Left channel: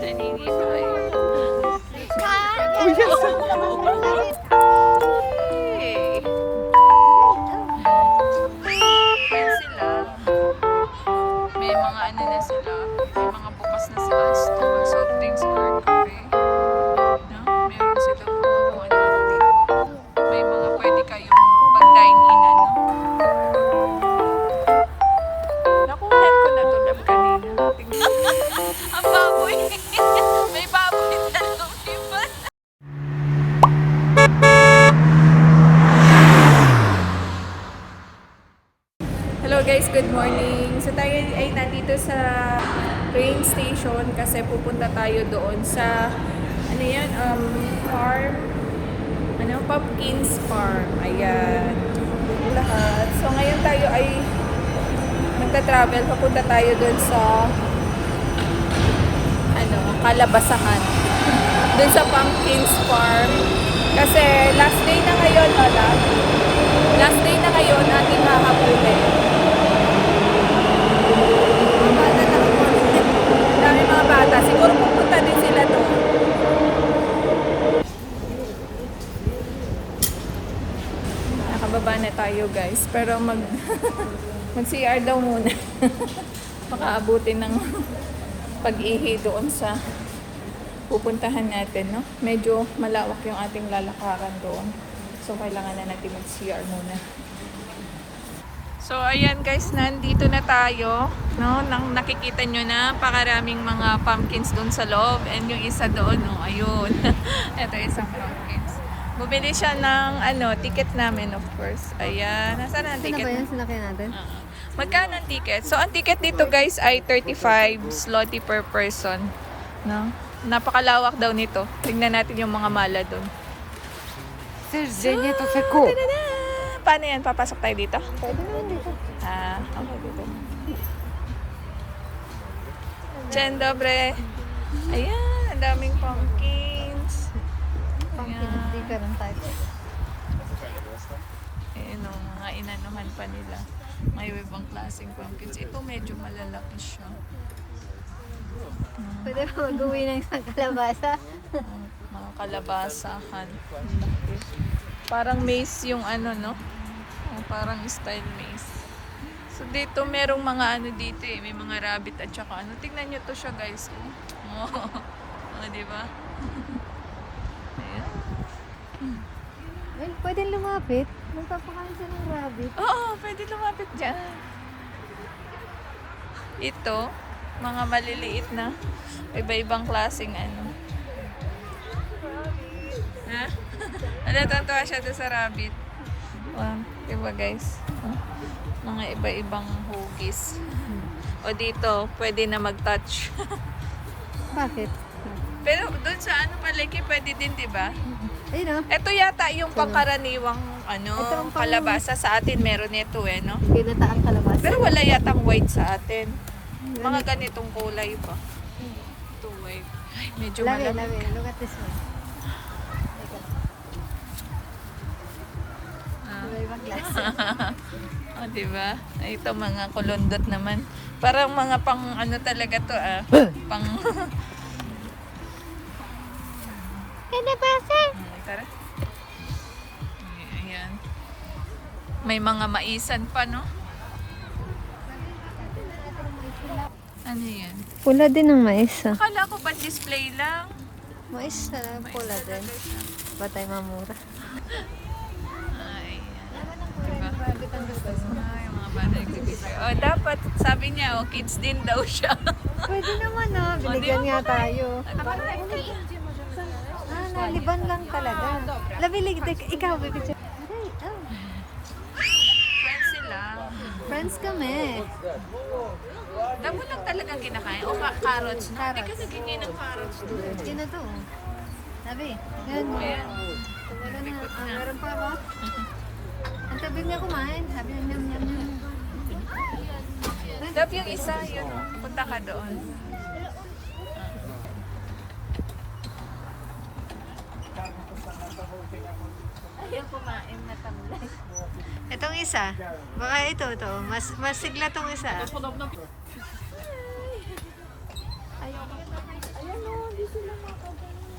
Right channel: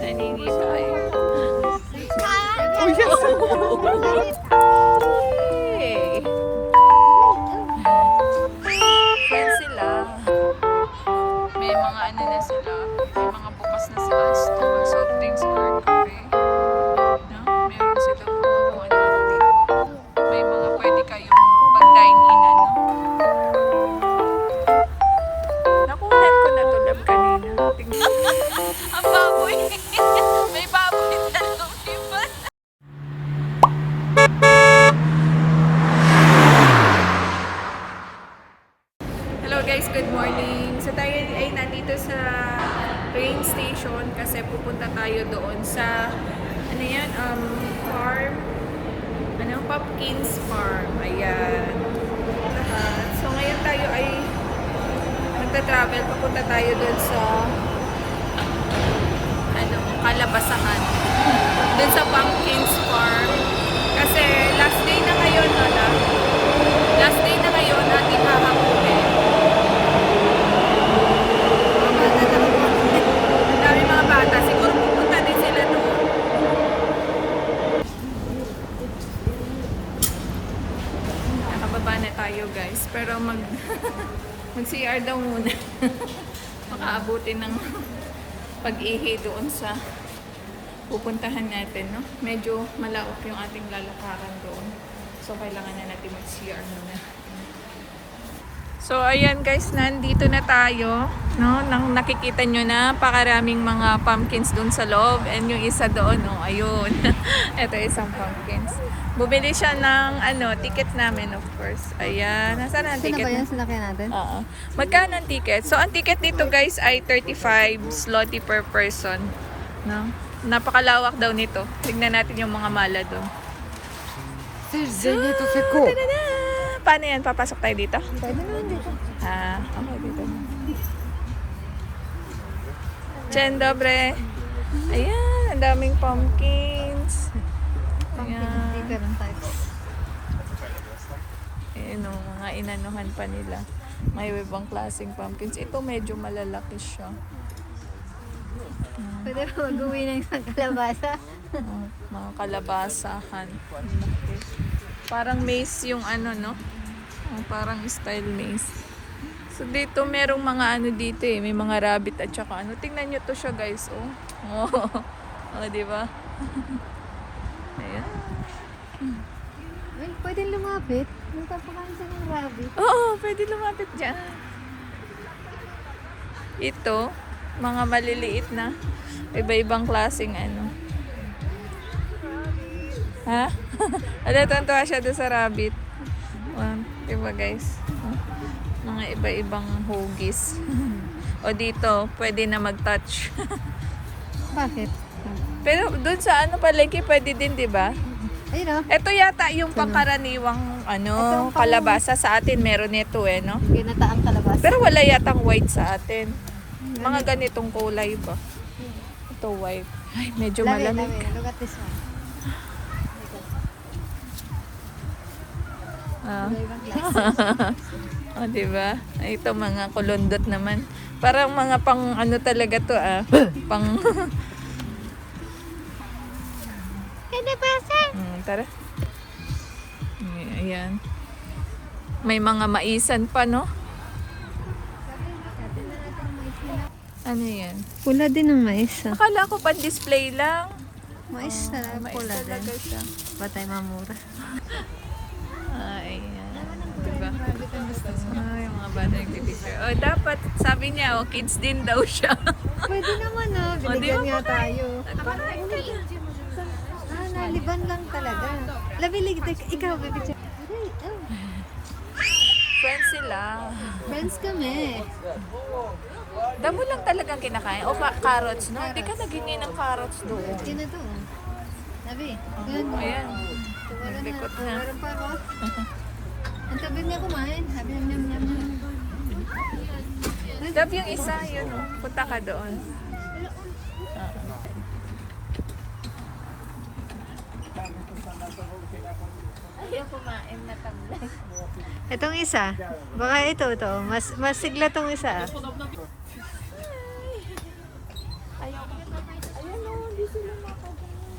Nanini tayo. Yan sila. May mga ano na sila. May mga bukas na sila. Store, soft drinks or cafe. No? Meron sila po ano dito. May mga pwede kayong pag-dine in ano. Nakunan ko na tulab kanina. Ang baboy. May baboy na lumipat. Hello guys, good morning. So tayo ay nandito sa train station kasi pupunta tayo doon sa ano yan, farm. Ano, Pumpkins Farm. Ayan. Lahat. So ngayon tayo ay magta-travel. Papunta tayo doon sa ano, Kalabasahan. Doon sa Pumpkins Farm. Kasi last day na ngayon, Lola. Last day na ngayon natin hahabulin. Ang dami mga bata. Siguro pupunta din sila doon. Nakababa na tayo guys. Pero mag CR daw muna. Makaabutin ng pag-ihi doon sa pupuntahan natin, no? Medyo malawak yung ating lalakaran doon. So, kailangan na natin mag-CR muna. So, ayan guys, nandito na tayo. No? Nakikita nyo na pakaraming mga pumpkins doon sa loob. And yung isa doon, no? Ayun. Ito isang pumpkins. Bumili siya ng ticket namin, of course. Ayan. Nasaan ang ticket? Saan ba yung sinakyan natin? Oo. Magkano ang ticket? So, ang ticket dito guys ay 35 zloty per person. No? Napakalawak daw nito. Tignan natin yung mga mala doon. Paano yan? Papasok tayo dito? Okay, dito. Dzień dobry. Ayan, ang daming pumpkins. Ayan. Ayan o, mga inanuhan pa nila. May ibang klaseng pumpkins. Ito medyo malalaki siya. Pwede mo mag-uwi ng isang kalabasa. Mga kalabasahan. Parang maze yung no? Parang style maze. So dito merong mga dito eh. May mga rabbit at saka Tingnan nyo to siya guys, oh. Oh, diba? Ayan. Ay, pwede lumapit. Magpapakain siya ng rabbit. Oo, pwede lumapit dyan. Ito, mga maliliit na. Iba-ibang klaseng Ha? Tuntua siya doon sa rabbit. Diba guys? Mga iba-ibang hugis. O dito, pwede na mag-touch. Bakit? Pero doon sa palagi, pwede din, diba? Ayun o. Ito yata yung pangkaraniwang kalabasa sa atin. Meron nito no? Ginataan kalabasa. Pero wala yatang white sa atin. Mga ganitong kulay ba? Ito white. Ay, medyo malamig. Look at this one. Ibang klase. O, diba? Ito mga kulundot naman. Parang mga pang talaga to pang... Tara. Ayan. May mga maisan pa, no? Ano yan? Pula din ng mais. Akala ko pan-display lang. Mais na Mais pula din. talaga siya. Batay mamura. Ay, diba? Ay, mga bata. Dapat, sabi niya, kids din daw siya. Pwede naman binigyan nga tayo. Naliban lang talaga. Labilig, ikaw. Friends sila. Friends kami. Damo lang talagang kinakain. O carrots, no? Hindi ka nagingin ng carrots doon. Hindi na to. Sabi, yan. Ayan. Wala na. Naglikot na. Meron pa ako. Ang tabi niya kumain. Sabi niya, nyam. Dab yung isa, yun punta ka doon. Ayaw kumain na tamlay. Itong isa. Baka ito. Mas sigla tong isa. Ayaw ko. Ayan o, hindi sila makagano.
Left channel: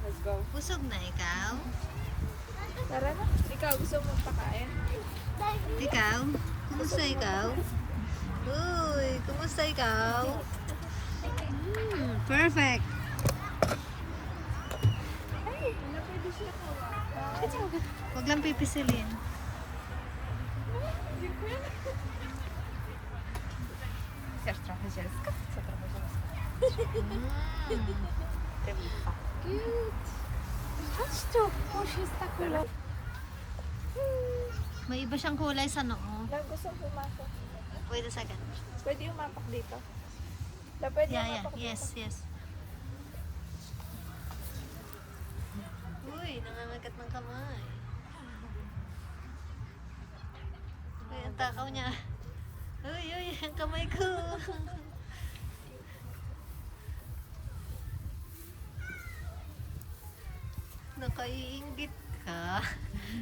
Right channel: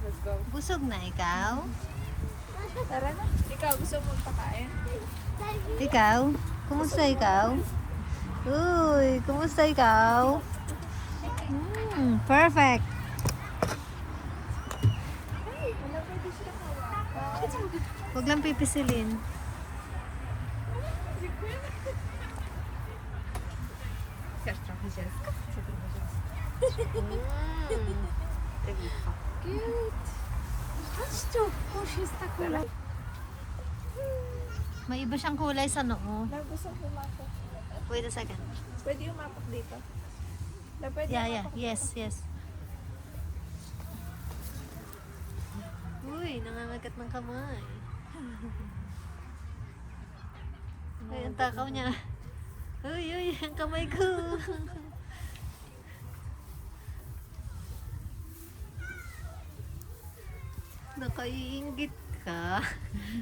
Let's go. Busog na ikaw? Tara na. Ikaw, gusto mo pakain? Ikaw? Kumusta ikaw? Uy, kumusta ikaw? Perfect. Huwag lang pipisilin. May iba siyang kulay sa noo. Gusto ko pumasok. Wait a second. Pwede yung mapak dito. Pwede Yeah, yung yeah. mapak. Yes. Uy, nangangagat ng kamay. Ay, ang takaw niya. Uy, ang kamay ko. Nakaiingit ka.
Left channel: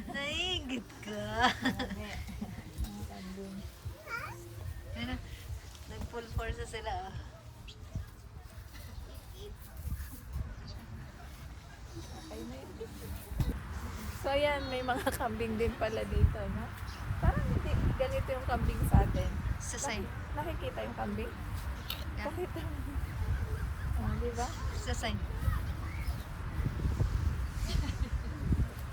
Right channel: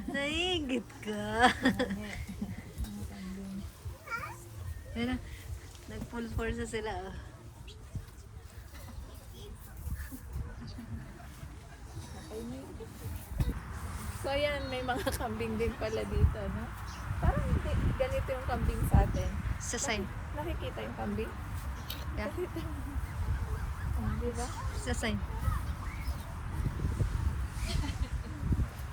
Naiingit ka. Yan na. Nag-full force na sila. Oh. So ayan, may mga kambing din pala dito, no? Parang hindi ganito yung kambing sa atin. Sa sign. Nakikita yung kambing? Yeah. Nakita mo. Oh, di ba? Sa sign.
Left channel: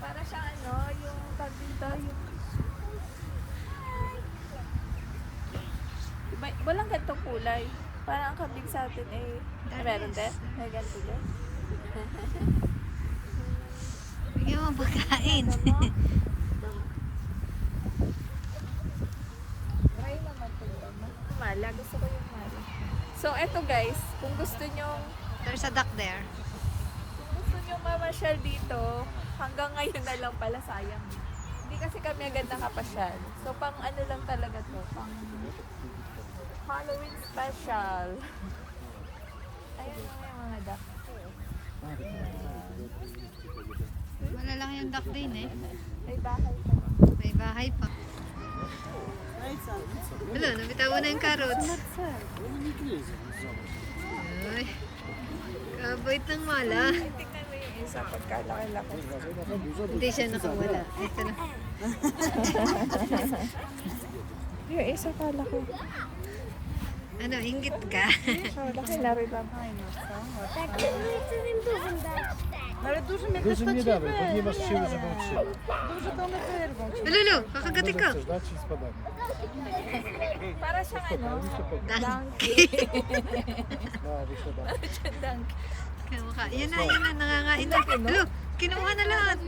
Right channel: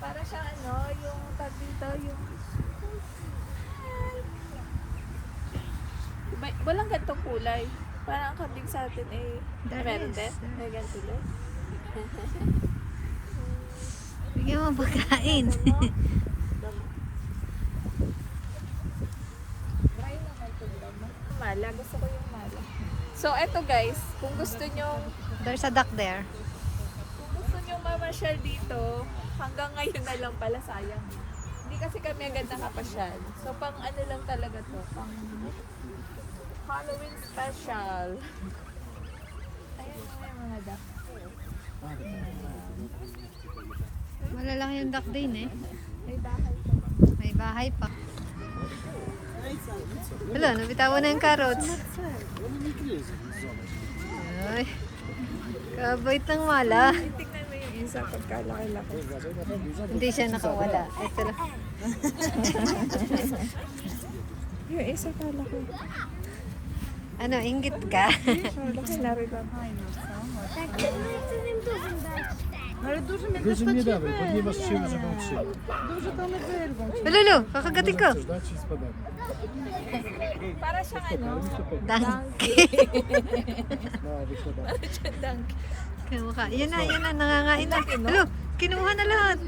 Para siya ano, yung tag dito, yung... Diba, walang gantong kulay. Parang ang kambing sa atin eh... Meron din? May ganito din? Bigyan mo pagkain. Damo. Dry naman itong damo. Mala, gusto ko yung mala. So, eto guys, kung gusto nyong There's a duck there. kung gusto nyong mamasyal dito, hanggang ngayon na lang pala, sayang. Hindi kasi kami agad nakapasyal. So, pang ano lang talaga to, pang Halloween special. Ayan na yung mga duck. Malalang yung duck din eh. May dahil pa. May bahay pa. Wala, nabitawan na yung carrots. Ay, kabait ng mala. Tingnan mo yung isa pagkalaki-laki. Hindi siya nakawala. Ito na. Yung isa kalaki. Ano, inggit ka? Laki na rin lang. Дуже nie dawaj, ponieważ się już włączy. Lulu, kakagatin ko. Dać ci spadamy. Para siyang ano? Donkey. No, wykładamy. Para siyang donkey. Kamukha. Yan na, nangangain na. Lulu, kinuha na lahat.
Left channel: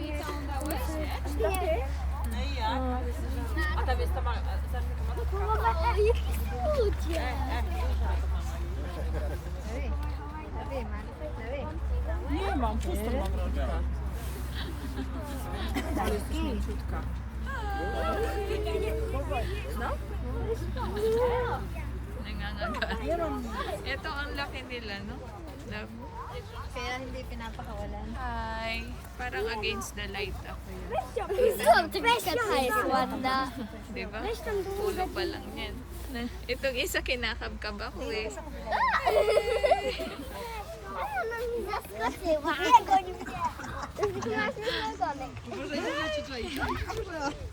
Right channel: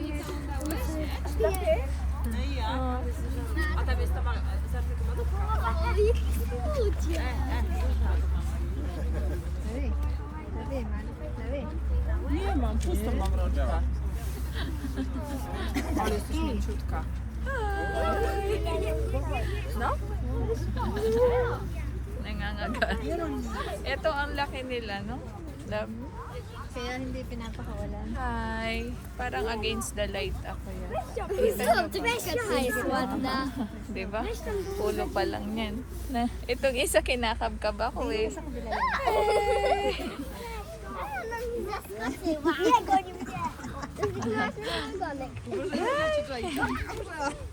Nie mam, pustą mam rączkę. No? Nangangagat. Ito ang laki nila, no? Love. Kaya hindi pinapakawalan. Hi. Parang against the light ako yan. Diba? Pulo pa lang yan. Na, itong isa kinakabkab ako eh.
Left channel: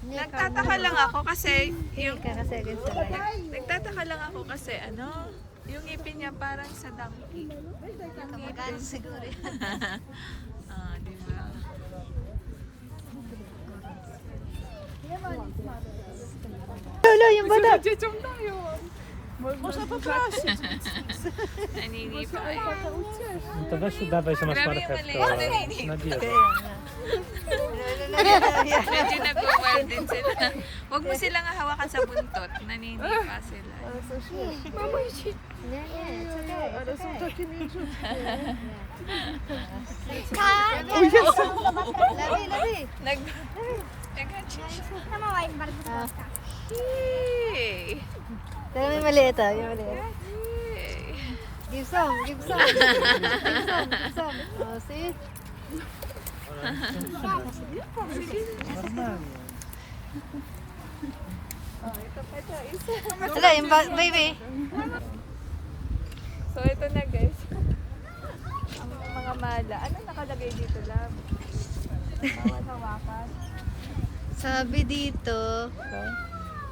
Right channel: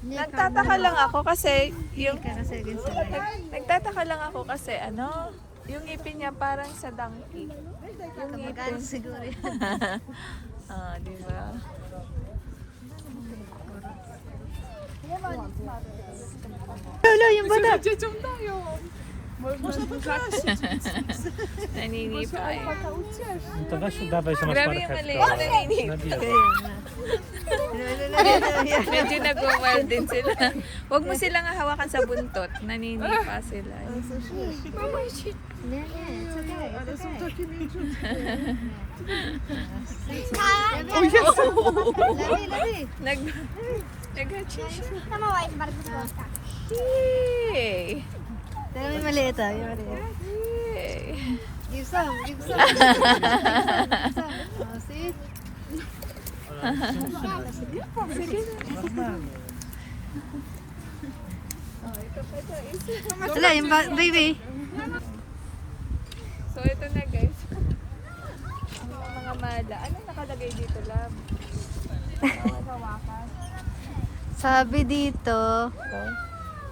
Nagtataka lang ako kasi yung nagtataka lang ako kasi ano, yung ngipin niya parang sa donkey. Yung ngipin. Kamagano siguro yan. Ah, di ba? Lulu, yung bata. Naninipa eh. To weź dawaj sobie Grabe yung maliit, naninipa. Medyo nagwa-wild din sila. Huwag mo silang hawakan sa buntot. Naninipa sila. Nag-hatcha siya. Yay! Pero may maliit ah, may maliit. Yay! Give some, give some. Give some. Oh, see? Oh, ito pa ito. Isa. Wala, yung baby. So, ito na guys. Ang mga mala. Ano nakalagay dito, love? Bawal hawakan. Sabi dito.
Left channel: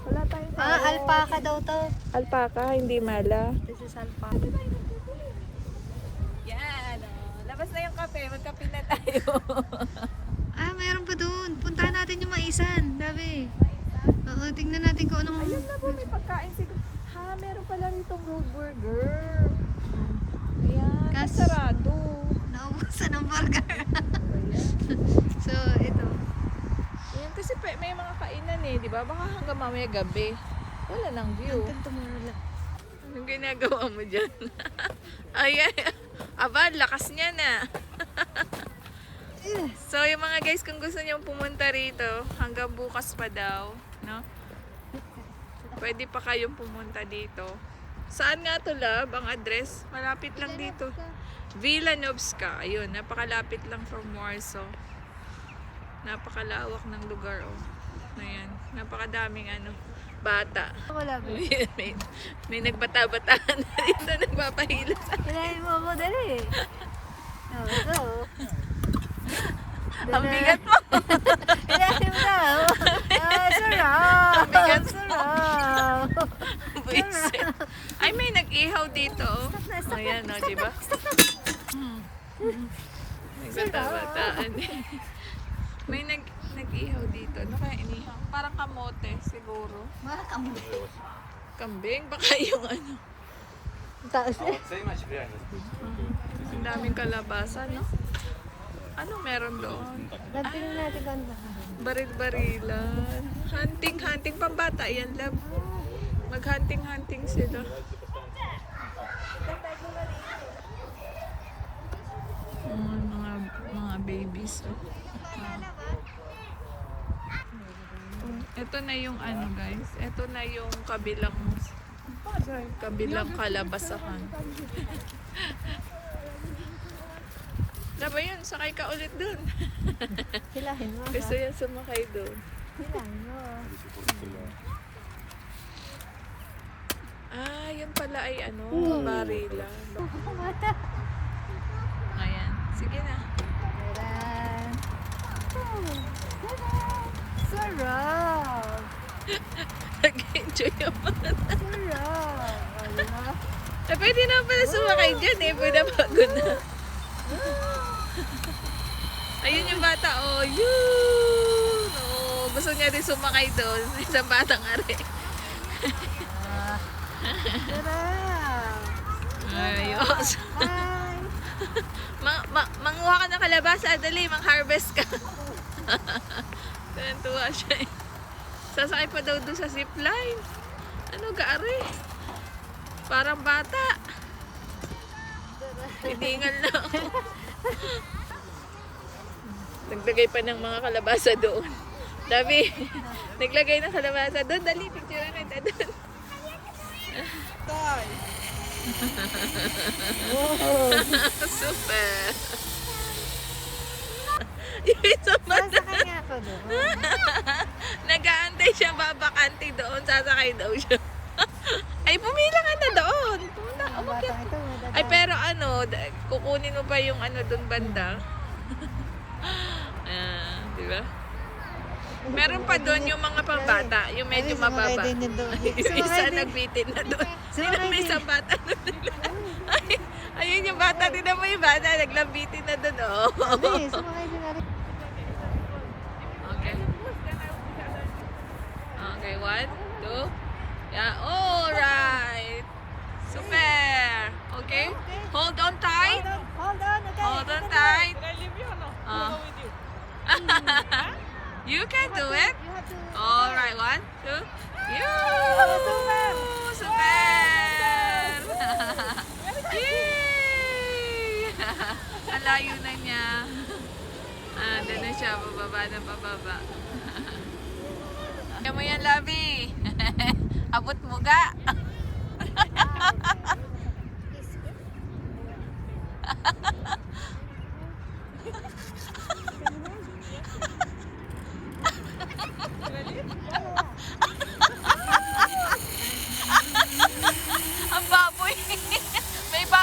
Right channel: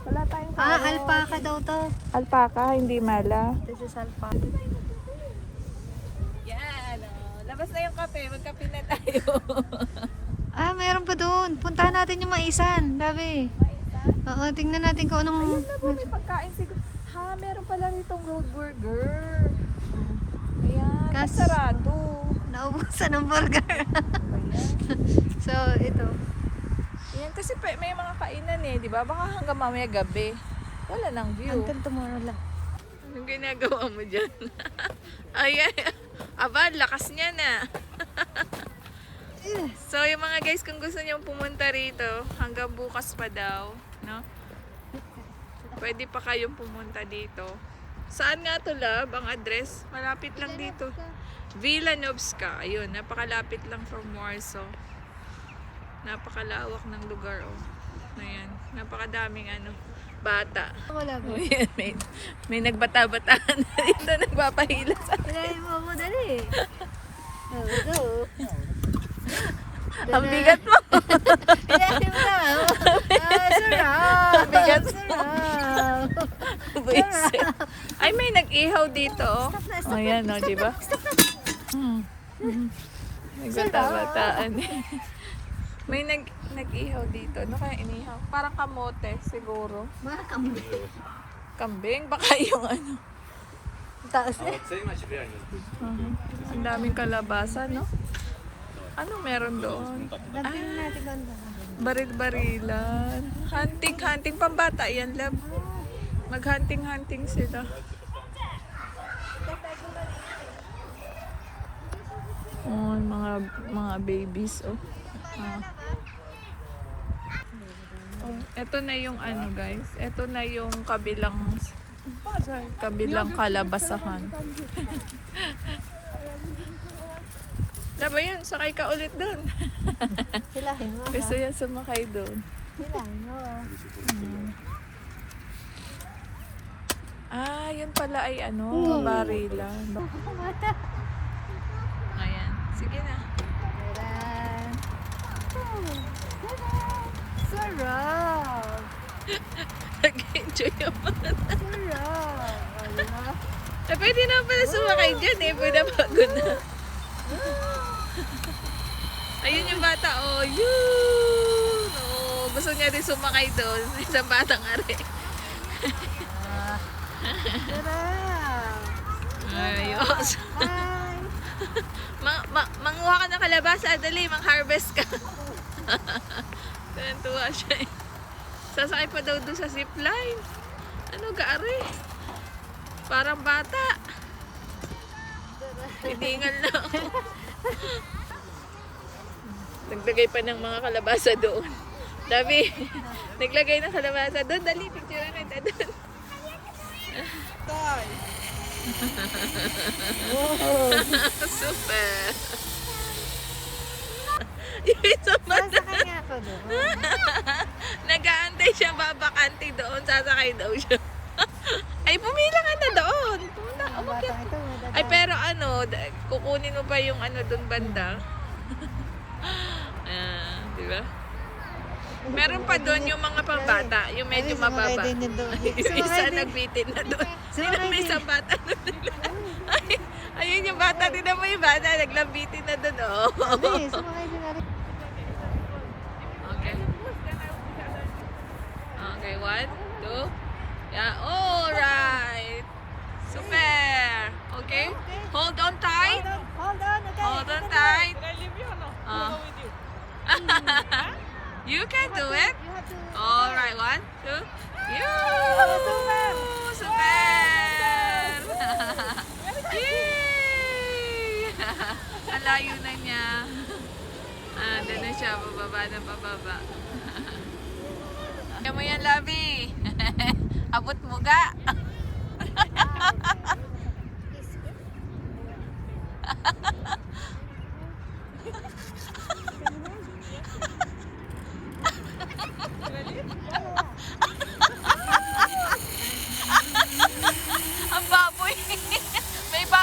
Wala tayong Alpaca daw to. alpaka, hindi mala. This is alpaca. Yan, labas na yung kape. Magkape na tayo. Mayroon pa doon. Puntahan natin yung maisan. Sabi. Oo, tingnan natin kung anong... Ayun na po, may pagkain siguro. Ha, meron pala ritong road burger. Kas, Sarado. naubusan ng burger. So, ito. Yan, kasi may mga kainan eh, di ba? Baka hanggang mamaya gabi. Wala nang view. Hanggang tomorrow lang. Anong ginagawa mo dyan? Ay, aba, lakas niya na. So, yung mga guys, kung gusto niyo pumunta rito, hanggang bukas pa daw, no? Pwede pa kayong pumunta dito. Saan nga to, love? Ang address? Malapit lang dito. Villanovska. Ayun, napakalapit lang from Warsaw. Napakalawak ng lugar, oh. Ayan, napakadaming bata. Wala ba? Ayan, may nagbata-bataan na dito, nagpapahila sa Kailangan mo ako dali. Go. Ang bigat mo! Kailangan mo daw. Sarap. Bigat. Sarap. Buisit. Ay, may nag-ihaw dito. Oh. Ayan, o, di ba? Nagbata-bataan. May nag-ihaw dito. Ano kaya inihaw? Parang kamote, siguro. Mga kambing. Kambing? Baka yung Taas eh. Ang daming kalabasa, no? Anong meron doon? Nagpinin natin kung ano. Baril-barilan. Hunting, pambata yan, love. Mag-hunting sila. Oh, mga babies, oh. Ito na yung guys. Ito na yung kabilang kalabasahan. Diba yun? Sakay ka ulit doon. Hilahin mo. Gusto yan sumakay doon. Hilahin mo. Yun pala ay barilan. Ayan. Sige na. Tara. Sarap. Nag-enjoy naman. Sarap. Pwede na pala sumakay dyan eh. Pwede pagod na. Ayun yung bata, oh. Yun! Oh, gusto niya din sumakay doon. Isang batang are. Sarap. Ayos. Bye. Manguha ka ng kalabasa. Dali, mang-harvest ka. Tuwa siya eh. Sasakay pa daw doon sa zipline. Ano, gaari? Parang bata. Tidingan lang. Naglagay pa ng mga kalabasa doon. Dami. Naglagay ng kalabasa doon. Dali, picture na kita doon. Super. Yung isang bata. Sasakay nga ako doon. Nag-aantay siya, babakante doon. Sasakay daw siya. Ay, pumila ka na doon. Pumunta, Ang umakyat. batang ito. madadaan. Ay, pero kukunin mo pa yung doon banda. Di ba? Meron pa doon yung mga pambata, yung medyo Ay, sumakay mababa. din yun doon. Yung Sumakay isa din. nagbitin na doon. Sino Sumakay may din. isang bata doon? Ay, ayun yung bata, din mo yung bata, naglambitin na doon. Oh. Sabi, sumakay din na rin. Okay. Okay, 1, 2. Yeah, alright. Super. Okay? Hold on tight. Hold on, okay. Hold on tight. You can do it. You have to... Alright, 1, 2. Super! Yay! Ang layo na niya. Doon na siya, pababa. Kaya mo yan, Labi. Abot mo ga. Ang baboy. May baboy.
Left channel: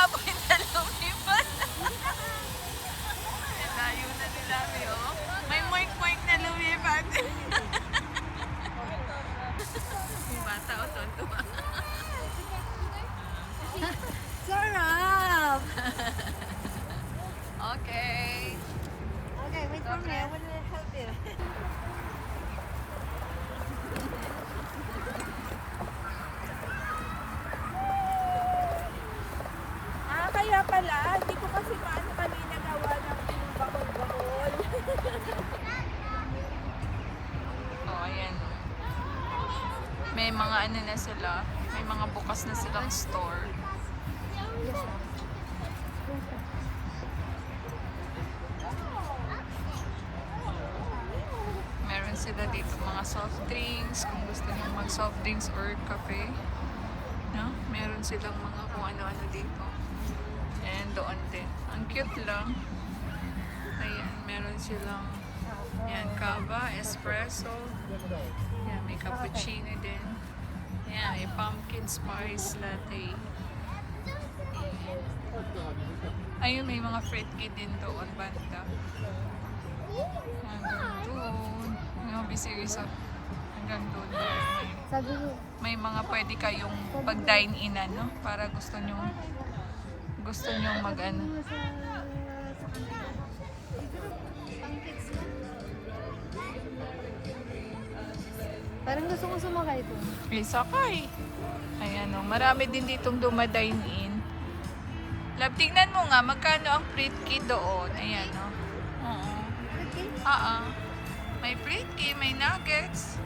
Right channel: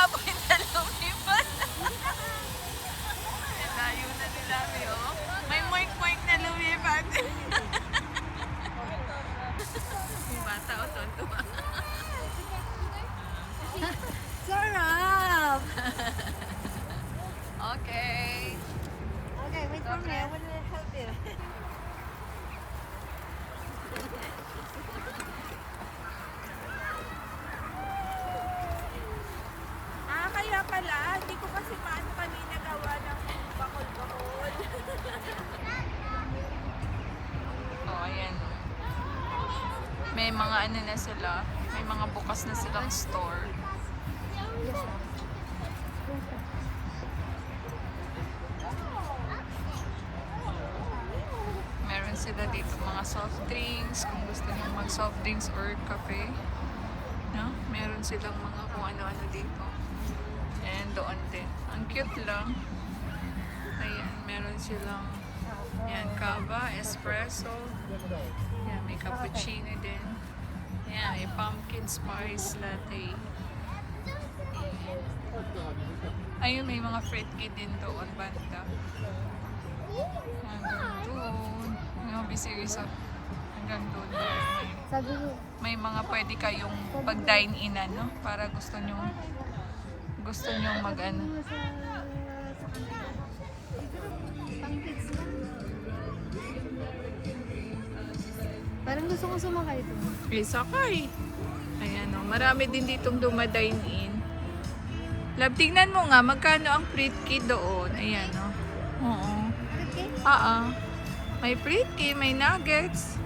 pala. Hindi ko kasi maano kanina gawa ng bakol-bakol. Oh, ayan. May mga ano na sila. May mga bukas na silang store. Meron sila dito mga soft drinks. Kung gusto nyo mag soft drinks or cafe. No? Meron silang mga kung ano-ano dito. And doon din. Ang cute lang. Ayan, meron silang yan, kava, espresso. Yan, may cappuccino din. Yan, may pumpkin spice latte. Ayun, may mga fruitcake din doon, banda. Hanggang doon. Yung bisirisa. Hanggang doon. Sabi ko, May mga pwede kayong pag-dine-in, no? Para gusto nyo mag-ano. parang gusto ko sumakay ito. Sakay. Ayan o, marami din ditong dumadine-in. Love, tingnan mo nga, magkano ang fruitcake doon. Ayan o. Oo. May fruitcake, may nuggets.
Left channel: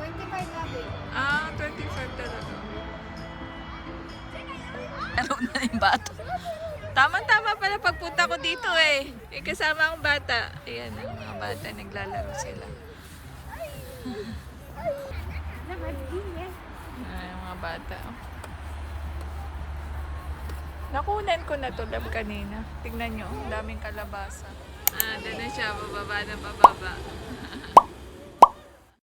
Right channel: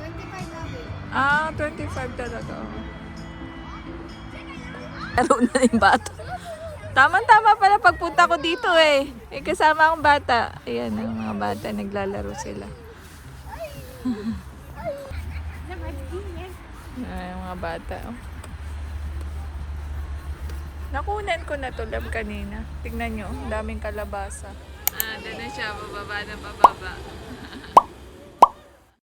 25 natin. 25 talaga. Laro na yung bata. Tama-tama pala pagpunta ko dito eh. May kasama akong bata. Ayan, ang mga bata, naglalaro sila. Ay, mga bata. Oh. Nakunan ko na to, love, kanina. Tignan nyo, daming kalabasa. Doon na siya, bababa na bababa.